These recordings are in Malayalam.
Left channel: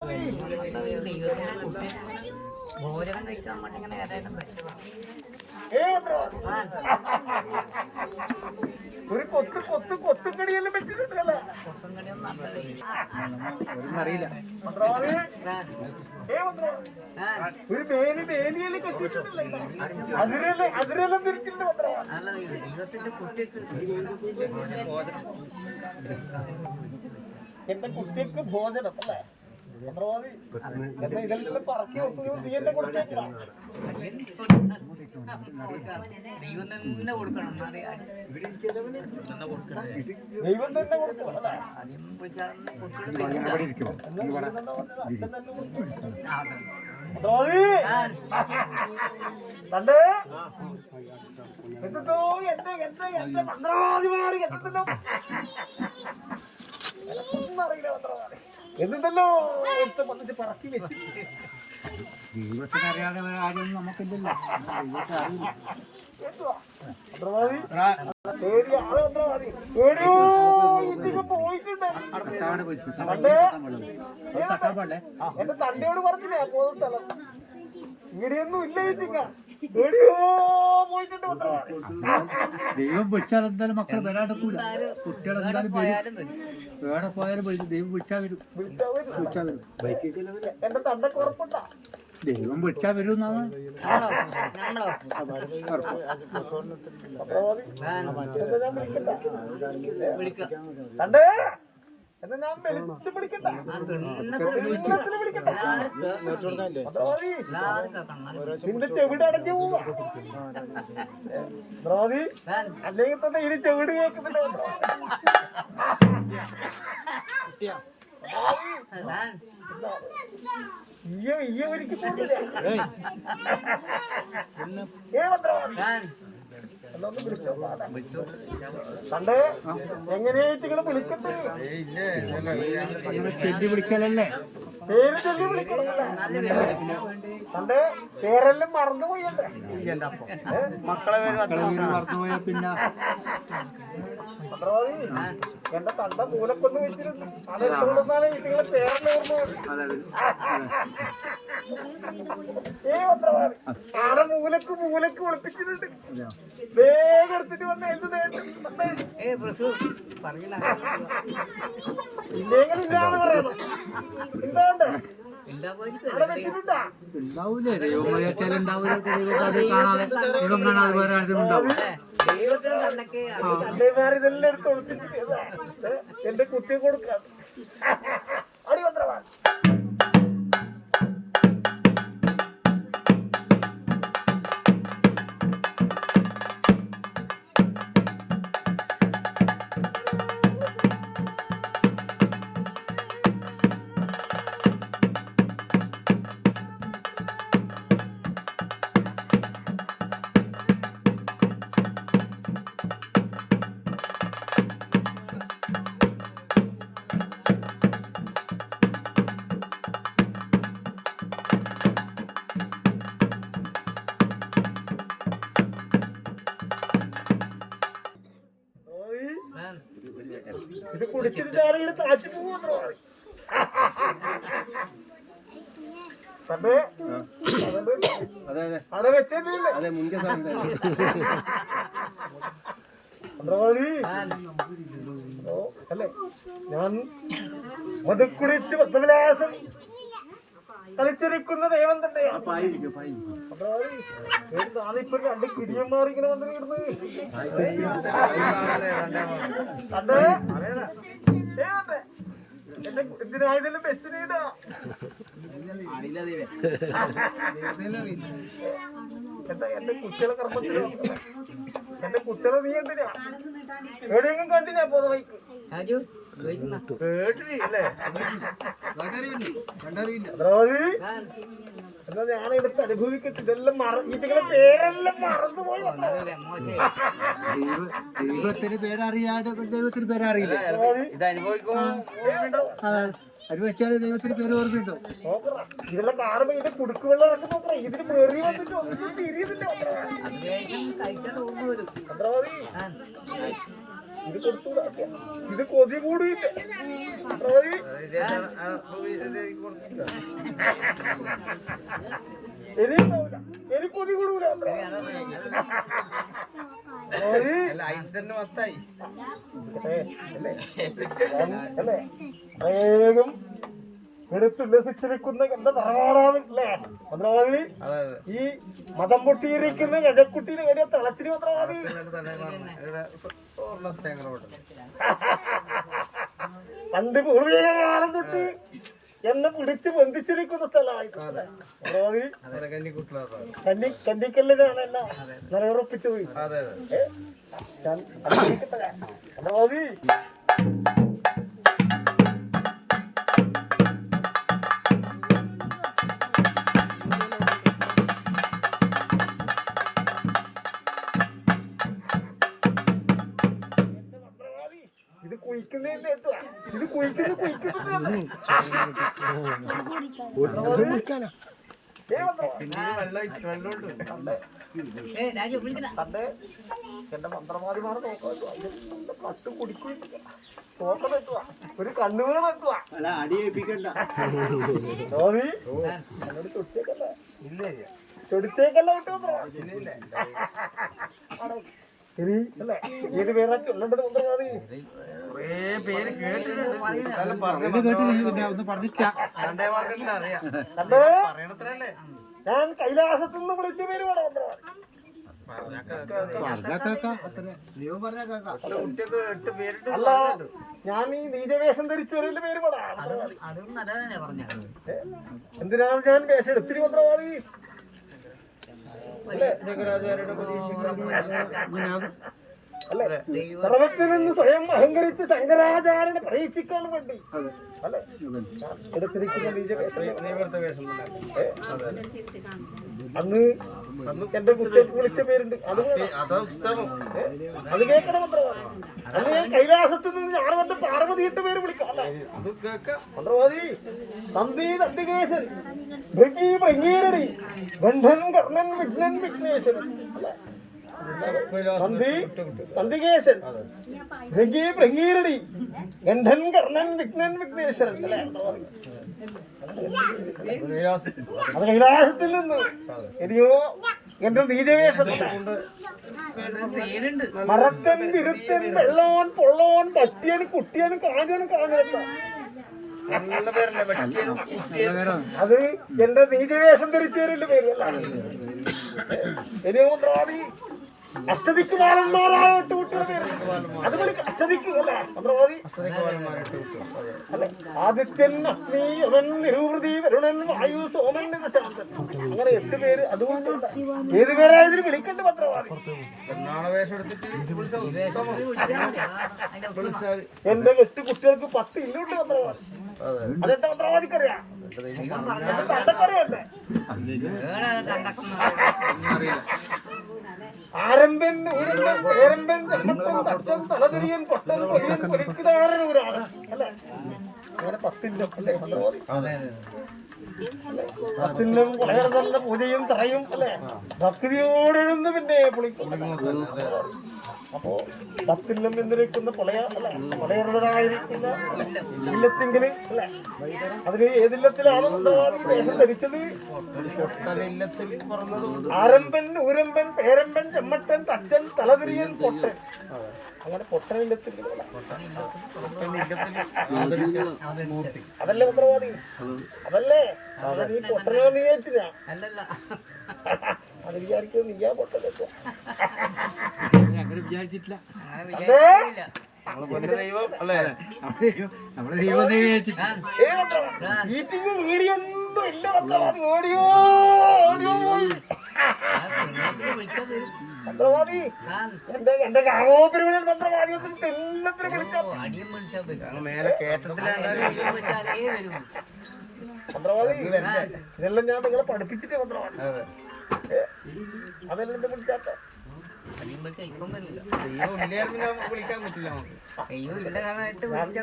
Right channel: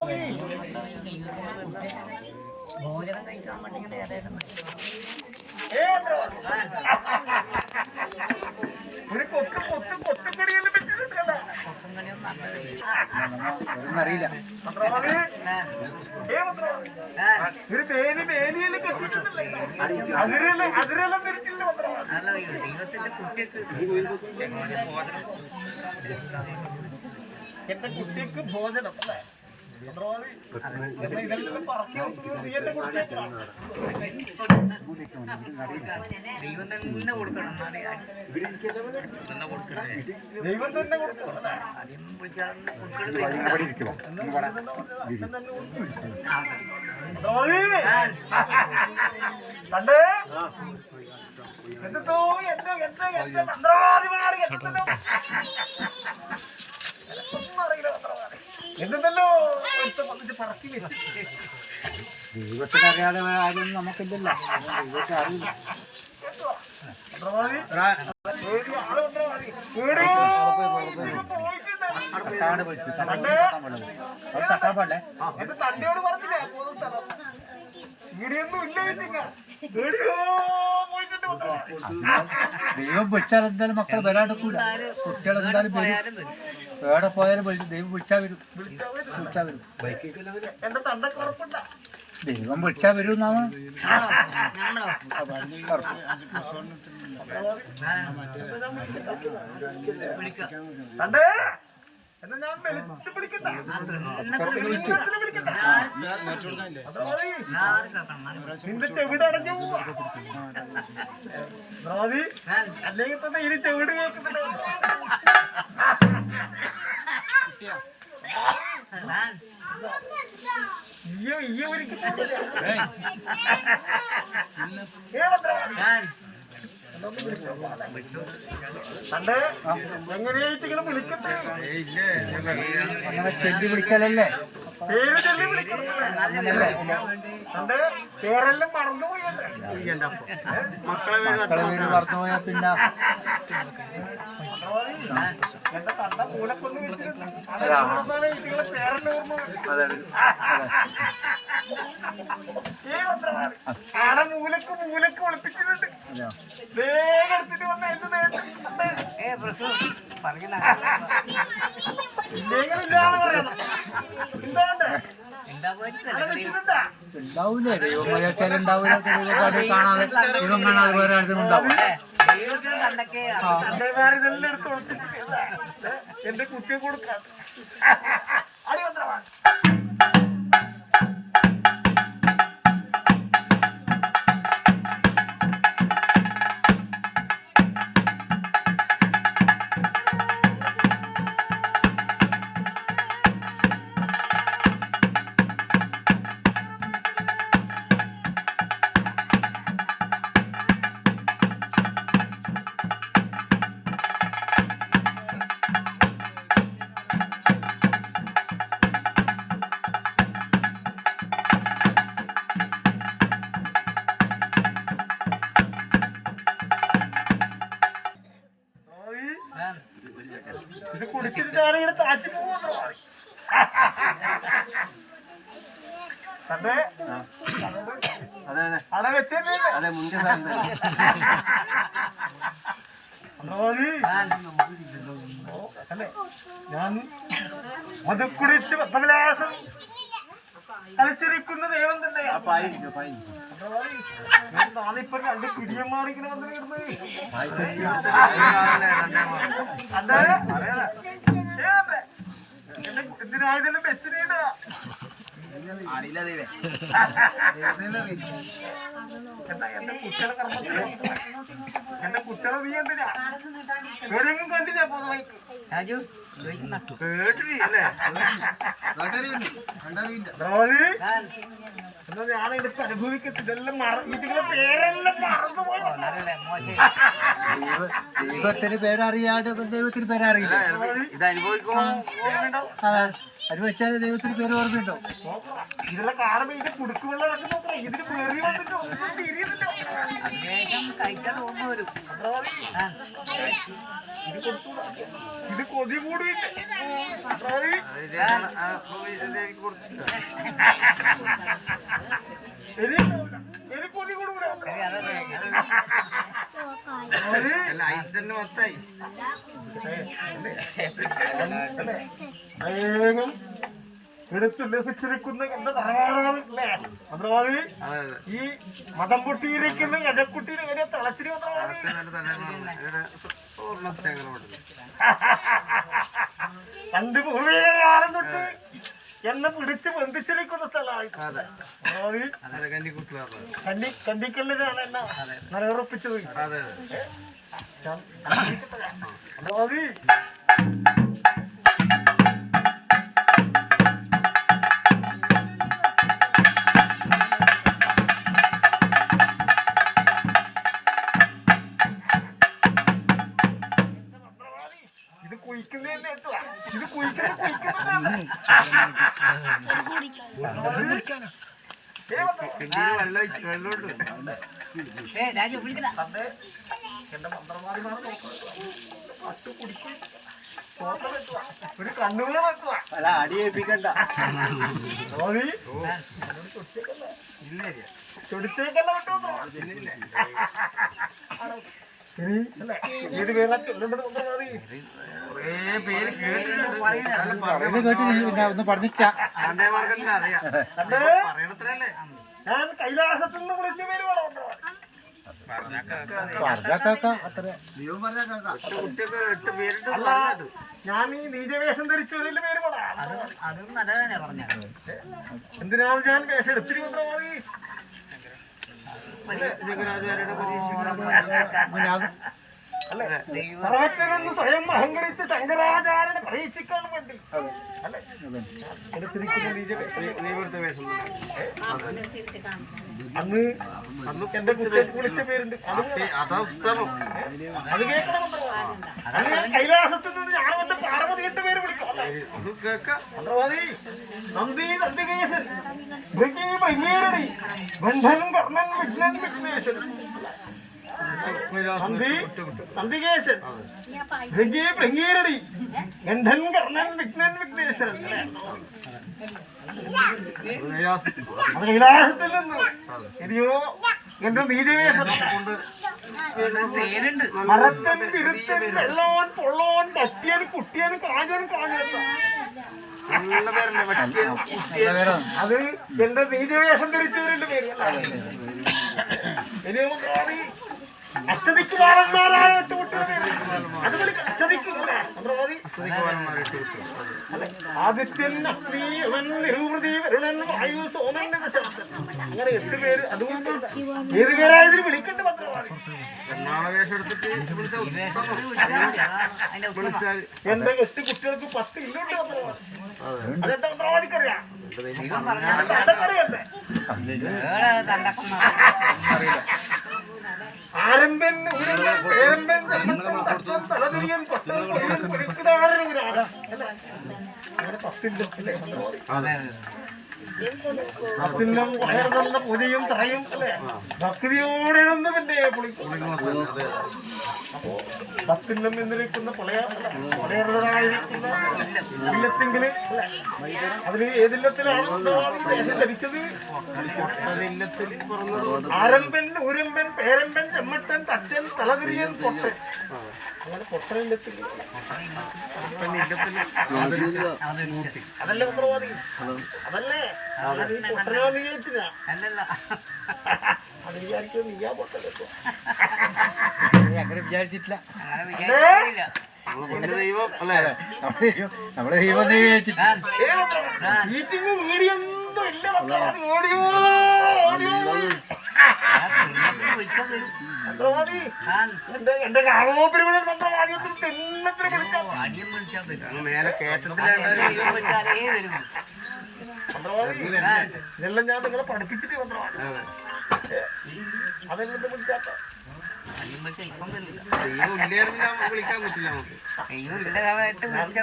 ഭോജനം കഴിക്കാൻ വേണ്ടി ഇങ്ങനെ ഒരു കൊത്തുകടിയെല്ലാം വെച്ചിട്ടുണ്ടല്ലേ? ഒരു മേനിയെല്ലാം കെട്ടിട്ടുണ്ടല്ലേ? അതിരെല്ലാം തിരിച്ചിട്ടുണ്ട്. എന്റെ കുട്ടിക്ക് ഭോജനം അല്ലേ? ഇതെല്ലാം പറക്കി വെക്കുന്നത് നീ എന്നെ കൊടുത്തേക്കാം. ദൈവം തന്നെ കൊടുക്കണം അല്ലേ? കണ്ടേ എന്തോ എന്റെ മന്ത്രവാദിമാര് എന്തല്ലോ അറിയില്ല. മന്ത്രവാദി എന്തെല്ലോ ഒരുത്തം വന്നിട്ട് പറക്കി വെച്ചു. ദൈവത്തിന് അറിയാതെ ആരും നമുക്കില്ലല്ലോ. എന്റെ തന്നെയോട് പറഞ്ഞില്ലേ പോകുന്ന സ്ഥലം ഇവിടെയൊന്നും ഇല്ല. ദൈവം വിളിച്ചാൽ എന്തായാലും മക്കൾ വരാണ്ടിക്കൂല. കുട്ടികൾ എന്തായാലും വരും. എവിടെ പോയാലും ദൈവം വിളിച്ചാൽ വരും. എന്റെ തണ്ടക്ക് ഉറപ്പുണ്ട. ദൈവം വിളിച്ചാൽ വരും എന്നാണ്. തണ്ടേ എന്നാ ഞാൻ വിളിച്ചു പിടിക്കണ്ട. നിന്റെ ചെവിട് അടഞ്ഞു പോവാ. അല്ലെങ്കിൽ തന്നെ ഇനി ചെവിട് കേൾക്കുന്നില്ല. കണ്ടേ എങ്ങനെയായിട്ട് ഇങ്ങനെ വിളിക്കട്ടെ? അങ്ങനെ ചെല്ലി വിളിക്കലല്ലേ? പേര് ചൊല്ലി വിളിക്കണം. കണ്ടേ പേരെല്ലാം മറന്നുപോയല്ലേ? മക്കളെ മറന്നുപോയാ പിന്നെ എന്റെ തണ്ട മൂലക്കൊന്ന് വെച്ചിട്ടുണ്ട്. അതെന്തുകൊണ്ടാണ് ഇതുങ്ങളെ പേരെല്ലാം ഓർമ്മ? ആടെ മൂലക്ക് ഒളിപ്പിച്ചിട്ടുണ്ട്. വേഗം എടുത്തിട്ട് വന്ന ഇല്ലെങ്കിലില്ലാന്ന് പറയണം. എന്താണ്ട് ഉണ്ടാവൂലേ? തണ്ടന്മാരിതെല്ലാം എടുത്ത് ഒളിപ്പിച്ചിട്ട് എന്റെ കുട്ടിയെ കൊടുക്കാൻ അടിമന്ത്രവാൻ. ഇത് കുടിച്ചിട്ട് ഞാനിങ്ങനെ താഴ്ച പോകുന്നു. അവിടെ വെച്ചല്ലേ? അതെ മുന്തിയ അല്ലേ? ഞാൻ മത് കുടിച്ച് പത്മവിലാസം കളിച്ചിരിക്കുന്ന ദൈവം തന്നെയാ. നാളിപ്പോ രണ്ട് കിടിയന്മാർ ഇങ്ങനെ വന്നിരുന്നു. എന്തിനായതെല്ലാം വെച്ചിട്ടാ എന്താ എന്റെ കുട്ടികളെ കർമ്മത്തിലോ? എന്റെ കുട്ടികളെ നീ എന്തിനാ എവിടെയെങ്കിലും കണ്ടില്ല പോന്ന വൈക്ക്? കേട്ടില്ലേ? എന്നാ ഞാൻ എടുത്ത് അനുഭവിക്കട്ടെ. ഇതെല്ലാം ഇതിങ്ങളെ പേരെല്ലാം മറന്നുപോയി. ദൈവത്തിന് പേരറിയാണ്ട് ദൈവത്തിന് പേരറിയില്ല. ഇത് അനുഭവിക്കുമ്പോ അനുഭവിച്ചാല് ദൈവത്തിന് പേര് ഓർമ്മയുണ്ടോ? നോക്കറാ ഇതെല്ലാം കാണുമ്പോ ഇതിന്റെ കുടുക്കുവെള്ളം നോക്കറാ. ഇതിന് മെറി വന്നിട്ട് ഒന്നും തിരിയുന്നില്ല. മന്ത്രവാദി ഇത് കൊടുത്തൂടാ. ഇത് കൊതി കൂടിയില്ലേ മന്ത്രവാദി? എനിക്കുണ്ടാവില്ല. എനിക്ക് കൊതി കൂടൂല. തന്നെ മൊത്തായി അല്ലേ വേഗം എടുത്തുല്ലസിച്ചിരിക്കുന്ന എന്റെ തറവാടാണ് അല്ലേ മന്ത്രവാദി? ഈ മതം പൊട്ടിയിരിക്കുന്ന ഗജക്കുട്ടീനെ കടിയ തിളച്ചിരി മന്ത്രവാദി. പണ്ട് പൂർവിക കാലം തൊട്ട് എന്നെ പിടിച്ച് ബന്ധിച്ചിരിക്കുന്ന സ്ഥലമാണ് മന്ത്രവാദി. കന്നിക്കല്ലിനാണ് എന്നെ നിലയുറപ്പിച്ചത് മന്ത്രവാദി. ഇത് കുയിക്കുന്നതിന്റെ ഇത് എന്റെ മന്ത്രവാദിമാർ കട്ട് കുടിക്കുക ഒരു കണ്ണുകൾ വെക്കുക. അല്ല അടിയേൽപ്പിക്കണ്ട. ചൊടിച്ചേക്കല്ല വിട്ടോ ശരി അല്ലേ? ഏത് പേരാ ചൊല്ലേണ്ടത് മന്ത്രവാദി? പേര് കേട്ടിട്ടുണ്ട്. ഒന്ന് പറഞ്ഞില്ല. ഞാൻ കൈലാസത്തിൽ നിന്ന് വിളിച്ച പേര് വേണം മന്ത്രവാദി. അല്ല ഞാൻ ഈ നീചവേഷം ധരിച്ചു വരേണ്ട പേര് വേണം. എന്തിനാണ് ഞാൻ വേഷം എടുത്തിരി മന്ത്രവാദി? സർവത്തിൽ നിന്ന് സ്വയം അഹങ്കരിച്ച് ശങ്കരാചാര്യനെ പരീക്ഷിക്കാൻ വേണ്ടി അല്ലെ എടുത്തിരിക്കുന്ന അന്ന് എന്റെ കുട്ടികൾക്ക് വിളിച്ച പേരുണ്ട്. അത് കേൾക്കണം അന്ന് ഞാൻ കൈലാസത്തിൽ നിന്ന് ഞാൻ വന്ന് പാർവതി എട്ട് പേര് വിളിക്കാം മന്ത്രവാദി. നന്ദി നന്ദികേശൻ ഭൃഗി ഭൃഗീരടി ബന്ധൻ കർണൻ വിഘ്നൻ വിഘ്നേശ്വരൻ നന്ദി നന്ദികേശൻ ഭൃഗി ഭൃഗീരടി ഗണ്ഡൻ കർണൻ വിഘ്നൻ വിഘ്നേശ്വരൻ അത് കൈലാസത്തിൽ നിന്ന് എനിയോ എന്റെ നീചവേഷം മറക്കൻ തിരുത്തൻ വെള്ളോൻ പൊള്ളോൻ പറ്റിയൻ കുട്ടിയൻ കാഞ്ഞൻ കാഞ്ഞെത്ത അത് എന്റെ നീചവേഷം ധരിച്ചവരുടെ പേരല്ല. ഇനിയോ മന്ത്രവാദി അച്ചതിക്ക് ബാലന്മാരായ 8 കുട്ടിയുടെ പേര് അത് അച്ചതിക്ക് അല്ലേ മന്ത്രവാദി? അല്ലെ ആദിത്യൻ അഗ്നി യമൻ നിരൂപൃതി വരുണൻ വായു സോമൻ ശാന്തൻ അങ്ങനെ 8 പേര്. അതുകൊണ്ട് ഏത് പേരായതിന് വിളിക്കണ്ട മന്ത്രവാദി. എന്റെ 8 കുട്ടികൾക്ക് 10 ഇല്ലുണ്ട് മന്ത്രവാദി. അതെന്താ മന്ത്രവാദിക്കറിയാം? തണ്ടക്കറിയണ്ടേ? ആരംഭൻ ഉരമ്പൻ പേരമ്പൻ ചമ്മത്തൻ തച്ചൻ തലതിരിയൻ പൊട്ടൻ പൊതിയൻ പൊരിക്കിടാരൻ ഒരാള് അല്ലെ അങ്ങനെ 10 അല്ലേ മന്ത്രവാദി? 10 കുടയർന്ന പൊതിയും തറയും അല്ലെ ഭക്തിയോടെഴുന്ന് പിന്നെ പൊളിക്കും. അപ്പോ 10 എന്നിരിക്കുന്ന പൊളയറായിരിക്കുന്ന ഇല്ലത്തെങ്കിൽ അല്ലെ അതിന് ഏതില്ലത്തിലാണ് വേഷം ധരിച്ചത്? ആരംഭൻ ഉരമ്പൻ പേരമ്പൻ ചെമ്മട്ടൻ തച്ചൻ തലതിരിയൻ പൊട്ടൻ അങ്ങനെ പൊട്ടനില്ലത്തിൽ അതല്ലേ മന്ത്രവാദി? അതല്ലേ നീ പൊട്ടനാന്ന് വിചാരിച്ചില്ല. അത് വിചാരിക്കും നീയാ പൊട്ടലെത്തോ അങ്ങനെ വിചാരിച്ചിട്ടില്ല. ദൈവം അല്ലേ നമ്മളെ ദൈവം വിചാരിച്ചിട്ടില്ല. മീറ്റിംഗ് വീഡിയോ ഒന്നും ഇല്ല മന്ത്രവാദി. ഓടിയോ ഓടിയോ മന്ത്രവാദി. എന്റെ കാമോപരിമണൻ മന്ത്രവാദി തെണ്ണത്തിന് വിളിക്കാം മേലെ കയറ്റത്തിലാണ് മന്ത്രവാദി. ഇതെല്ലാം ഞാൻ നിങ്ങളെ പഠിപ്പിച്ചിട്ട് മന്ത്രവാദി. അതെല്ലാം വിളിക്കാത്ത വിളിക്കാൻ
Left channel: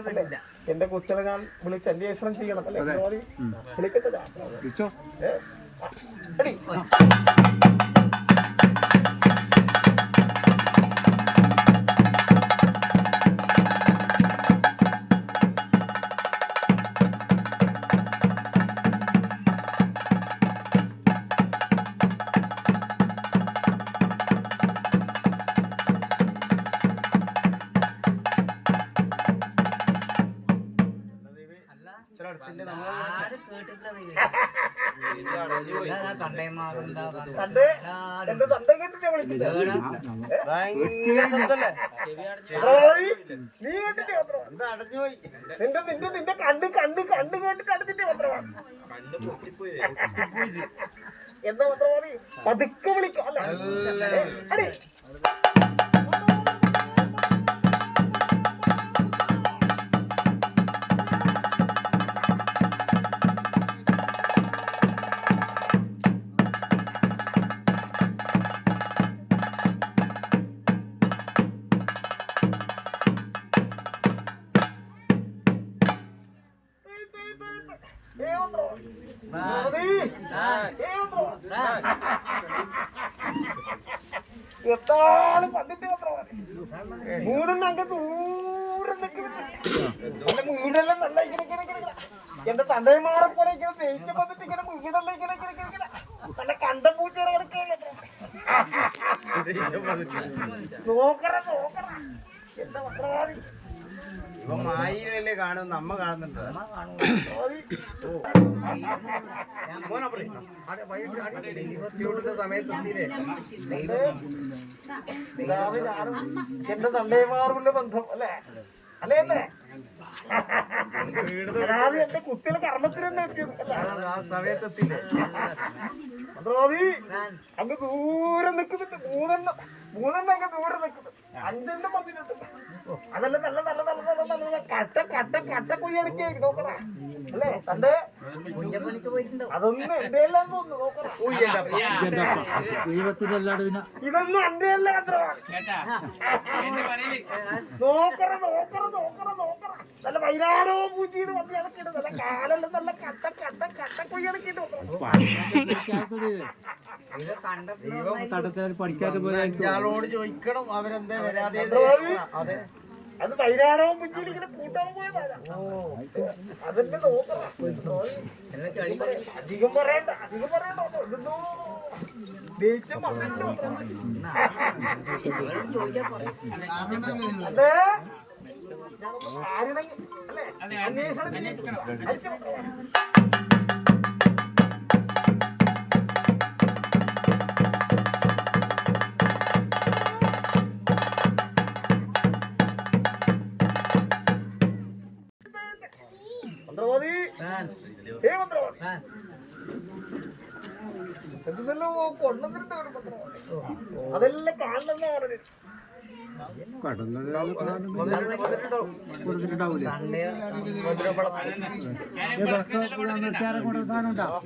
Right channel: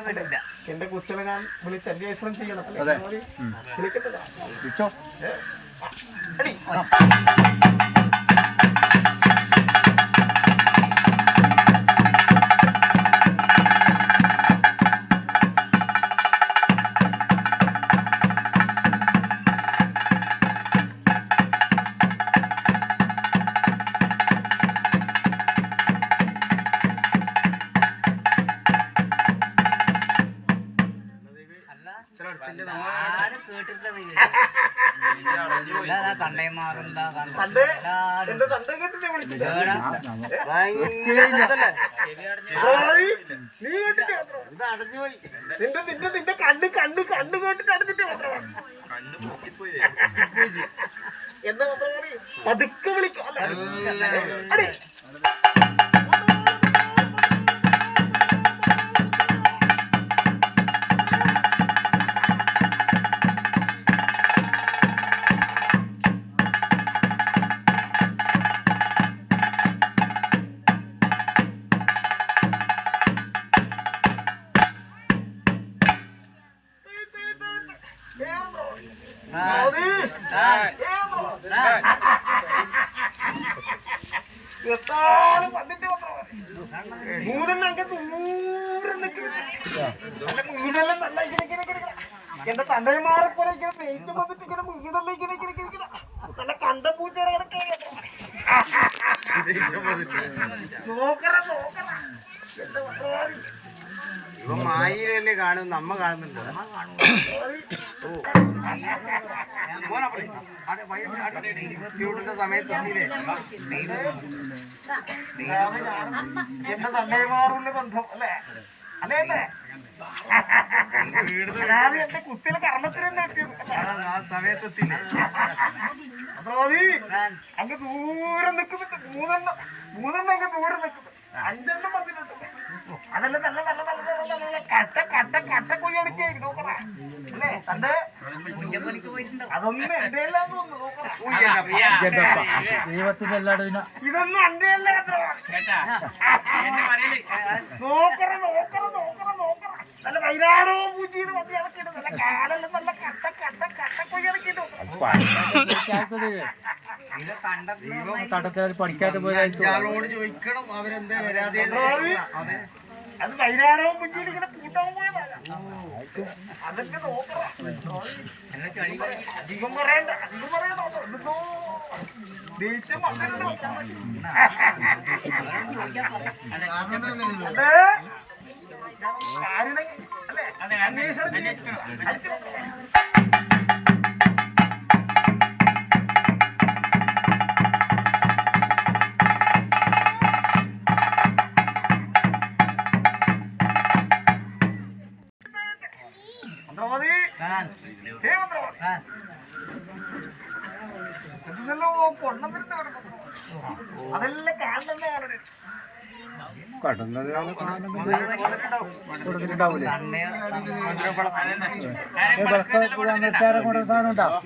പറ്റില്ല എന്റെ കുട്ടികളെ ഞാൻ വിളിച്ച് അന്വേഷണം ചെയ്യണം അല്ലേ മന്ത്രവാദി? വിളിക്കട്ടെ. എന്റെ തന്റെ കേട്ടിട്ട് വിളിക്കില്ല. നീ കേട്ടിട്ട് അടഞ്ഞുപോയി നിന്റെ നിന്റെ നിന്റെ കണ്ണ് കണ്ണ് കണ്ണ് കേട്ടിട്ട് അടുത്തിട്ട് മന്ത്രവാദി. എന്താ മന്ത്രവാദി? പതുക്കെ വിളിക്കാം അല്ലേ? എത്താളും വന്നിട്ട് മൂന്നെണ്ണ ദൂരം വീടെല്ലാം നല്ല എന്റെ തണ്ടയമാരെ പോലെ ഇങ്ങനെ തേച്ച് വന്നിട്ട് ഇങ്ങനെ വീടെല്ലാം ഇങ്ങനെ നല്ല കണ്ട പൂച്ചേരെ നോക്കറ നോക്കറ എന്റെ മന്ത്രവാദി. ഇവ മായിലല്ലേ കാണും, നമ്മ കാണുന്നുണ്ട്. സമയത്ത് എന്റെ തണ്ടയമാറുള്ള ബന്ധം അല്ലേ? അല്ലേ അല്ലേ? അതായത് എന്റെ കുട്ടികളെ കർമ്മത്തിന് തന്നെ എത്തിയത് ആ സമയത്തെത്തില്ലേ മന്ത്രവാദി. അങ്ങ് ദൂരം നിൽക്കുന്നുണ്ട്. മൂന്നെണ്ണം അങ്ങ് ദൂരം നിൽക്കുന്നു. അഞ്ചെണ്ണം വന്നിട്ടുണ്ട്. അതെല്ലാം നല്ല നല്ല നല്ല നല്ല നല്ല കട്ട കട്ട കട്ട കൊയ്യടിക്കായി നോക്കറ അല്ലേ? തന്റെ അതൊന്നും എന്റെ എല്ലാം ഒന്ന് നോക്കറ. ഇതൊന്നും എന്റെ അല്ല നോക്കറ നോക്കറ നോക്കറ നോക്കറ. നല്ല വൈരാടോ പൂച്ചീന്ന് വന്ന് ഇളക്കിയിട്ട് നല്ല കാലെല്ലാം നല്ല കട്ട കട്ട കട്ട കൊയ്യടിക്കിട്ട് പഠിക്കാതെ പോയി ഇയാളോട് ചോദിക്കണം അവരെന്താ വരാതെ. അതെ, അത് വൈരാടോ പൂച്ചയിൽ ഇങ്ങനെ കൂട്ടാൻ പോയതാണ്. അതെന്റെ നോക്കറ. അധികം പറയണ്ട അധികം പറയണ്ടോ. ഇതൊന്നോ ദേഷ്യം വന്നിട്ടുണ്ടോ അല്ലേ? അന്വേഷണം മന്ത്രവാദി. ഹേ മന്ത്രവാദി, എന്തെല്ലോ കൊണ്ടുവന്നിട്ടുണ്ട് അതെല്ലാം കാണുന്ന സാധനം ഉണ്ടാവും.